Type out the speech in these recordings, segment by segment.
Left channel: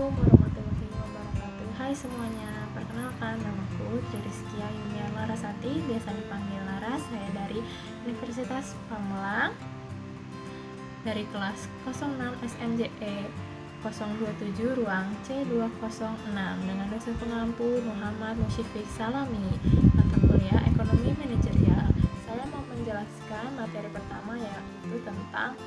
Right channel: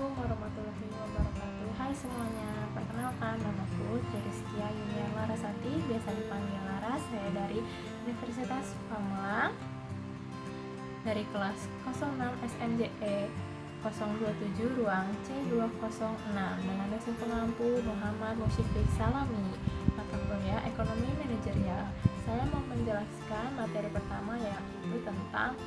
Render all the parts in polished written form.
Assalamualaikum warahmatullahi wabarakatuh. Hai semuanya, perkenalkan namaku Rizkia Yunia Larasati, biasa dipanggil Laras. Saya dari Universitas Pamulang, dari kelas 06 SMJE 027 ruang C206 dengan dosen pengampu Muhammad Musyifiq Salami, mata kuliah Ekonomi Manajerial. Saya mau menjelaskan materi pertama, yaitu tentang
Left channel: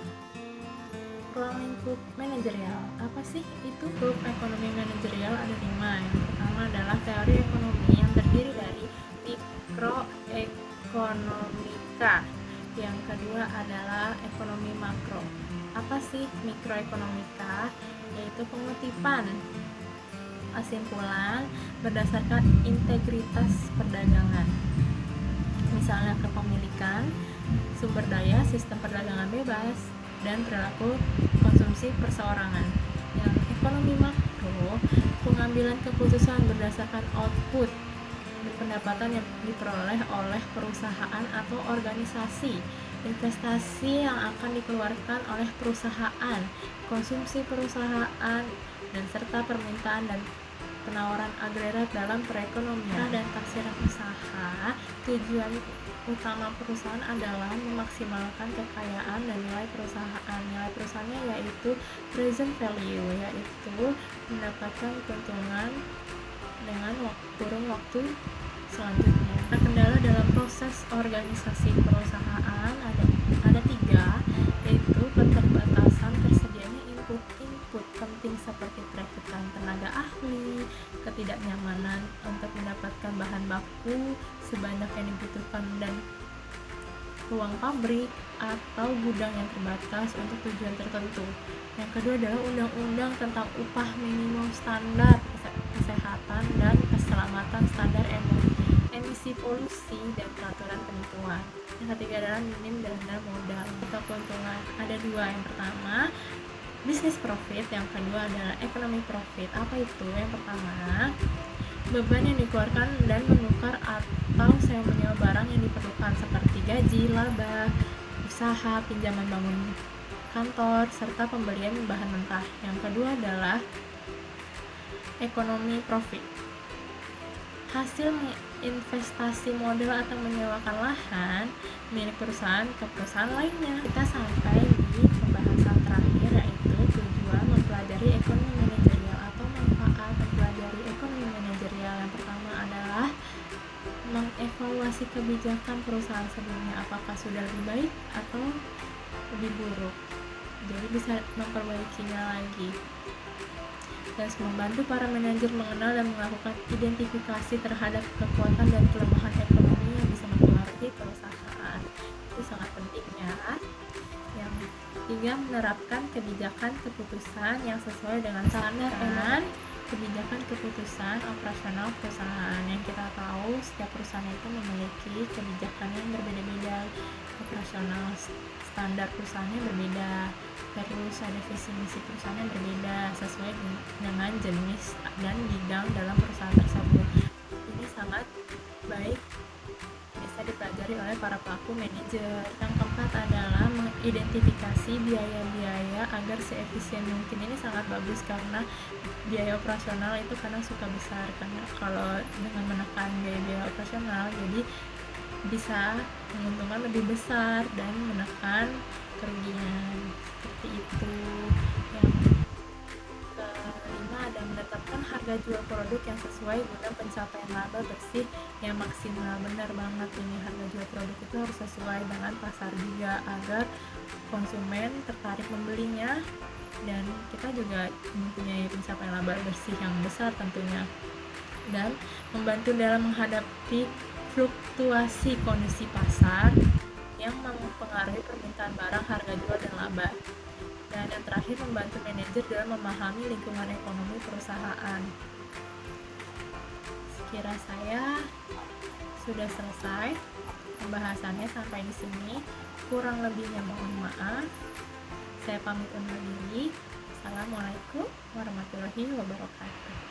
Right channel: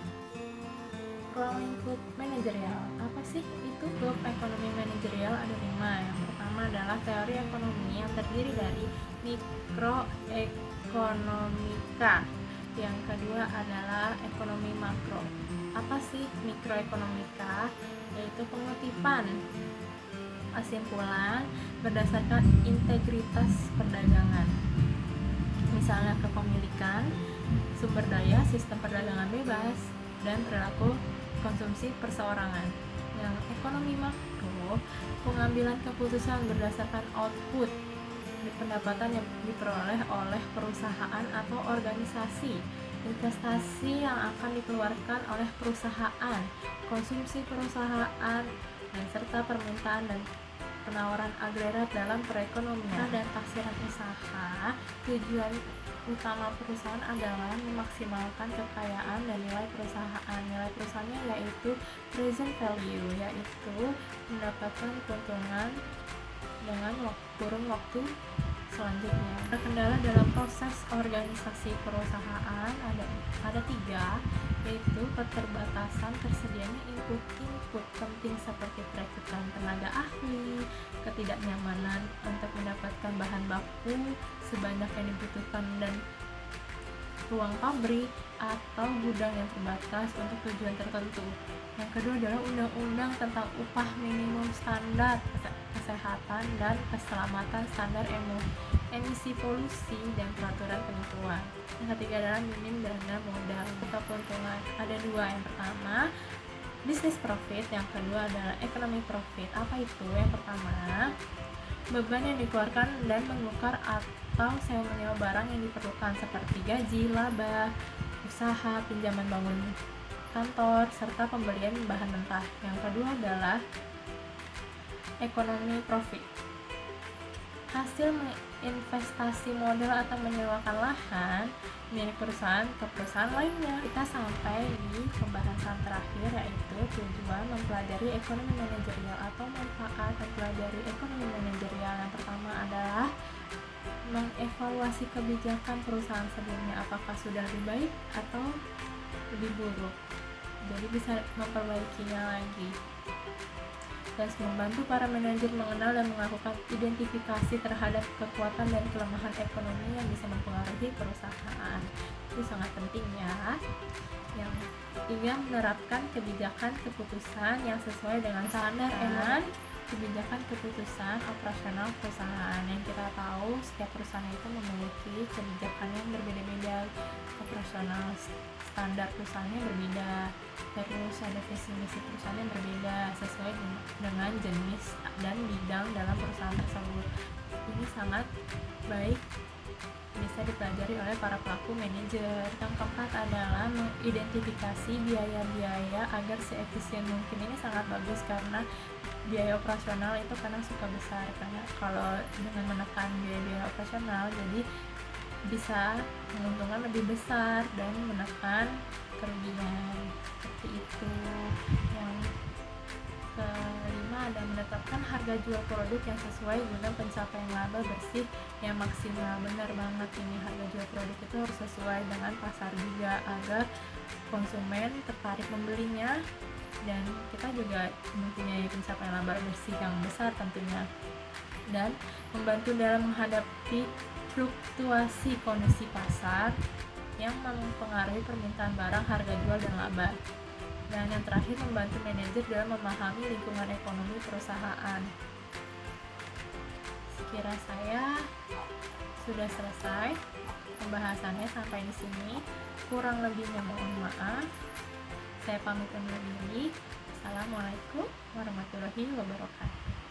ruang lingkup manajerial. Apa sih itu lingkup ekonomi manajerial? Ada 5. Yang pertama adalah teori ekonomi yang terdiri dari mikroekonomika. Yang kedua adalah ekonomi makro. Apa sih mikroekonomika? Yaitu pengutipan kesimpulan berdasarkan integritas perdagangan, misalnya kepemilikan, sumber daya, sistem perdagangan bebas, dan perilaku konsumsi perseorangan. Yang ekonomi makro, pengambilan keputusan berdasarkan output pendapatan yang diperoleh oleh perusahaan atau organisasi, investasi yang akan dikeluarkan oleh perusahaan, konsumsi perusahaan, dan serta permintaan dan penawaran agregat dalam perekonomian dan taksiran usaha. Tujuan utama perusahaan adalah memaksimalkan kekayaan dan nilai perusahaan. Nilai perusahaannya yaitu present value, yaitu mendapatkan keuntungan dengan kurun waktu selanjutnya. Kendala dalam proses organisasi perusahaan ada 3, yaitu keterbatasan tersedianya input penting seperti perekrutan tenaga ahli, ketidaknyamanan untuk mendapatkan bahan baku sebanyak yang dibutuhkan, dan ruang pabrik atau gudang yang terbatas untuk tujuan tertentu. Yang kedua adalah undang-undang tentang upah minimum, standar kesehatan dan keselamatan, standar emisi polusi, dan peraturan penipuan. Yang ketiga adalah minim dana modal atau keuntungan. Ada 2, yang pertama business profit, yang kedua adalah economic profit. Apa itu? Yang pertama, beban yang dikeluarkan dan menukar atau sewa menyewa barang yang diperlukan seperti gaji, laba, usaha, pinjaman bangun kantor, serta pembelian bahan mentah. Yang kedua adalah economy profit, hasil investasi modal atau menyewakan lahan milik perusahaan ke perusahaan lainnya. Kita sampai di pembahasan terakhir, yaitu tujuan mempelajari ekonomi manajerial atau manfaat mempelajari ekonomi manajerial. Yang pertama adalah mengevaluasi kebijakan perusahaan sebelumnya, apakah sudah lebih baik atau lebih buruk, jadi bisa memperbaikinya lagi. Dan membantu para manajer mengenal dan melakukan identifikasi terhadap kekuatan dan kelemahan ekonomi yang bisa mempengaruhi perusahaan. Itu sangat penting ya. Yang 3, menerapkan kebijakan keputusan yang sesuai dengan standar kebijakan keputusan operasional perusahaan. Yang kita tahu setiap perusahaan itu memiliki kebijakan yang berbeda-beda, operasional standar perusahaannya berbeda, terus ada visi misi perusahaannya berbeda sesuai dengan jenis dan bidang dalam perusahaan tersebut. Ini sangat baik, bisa dipelajari oleh para pelaku manajer. Yang keempat adalah mengidentifikasi biaya-biaya agar seefisien mungkin. Ini sangat bagus karena biaya operasional itu kadang suka besar, karena kalau dengan menekan biaya operasional jadi bisa menguntungkan lebih besar dan menekan kerugian, seperti itu. Yang kelima ada menetapkan harga jual produk yang sesuai guna pencapaian laba bersih yang maksimal. Benar banget, ini harga jual produk itu harus sesuai dengan pasar juga agar konsumen tertarik membelinya dan kita juga mempunyai pencapaian laba bersih yang besar tentunya. Dan membantu dalam menghadapi fluktuasi kondisi pasar yang mempengaruhi permintaan barang, harga jual, dan laba. Dan yang terakhir, membantu manajer dalam memahami lingkungan ekonomi perusahaan. Sekira saya sudah selesai pembahasannya sampai di sini. Kurang lebihnya mohon maaf. Saya pamit undur diri. Assalamualaikum warahmatullahi wabarakatuh.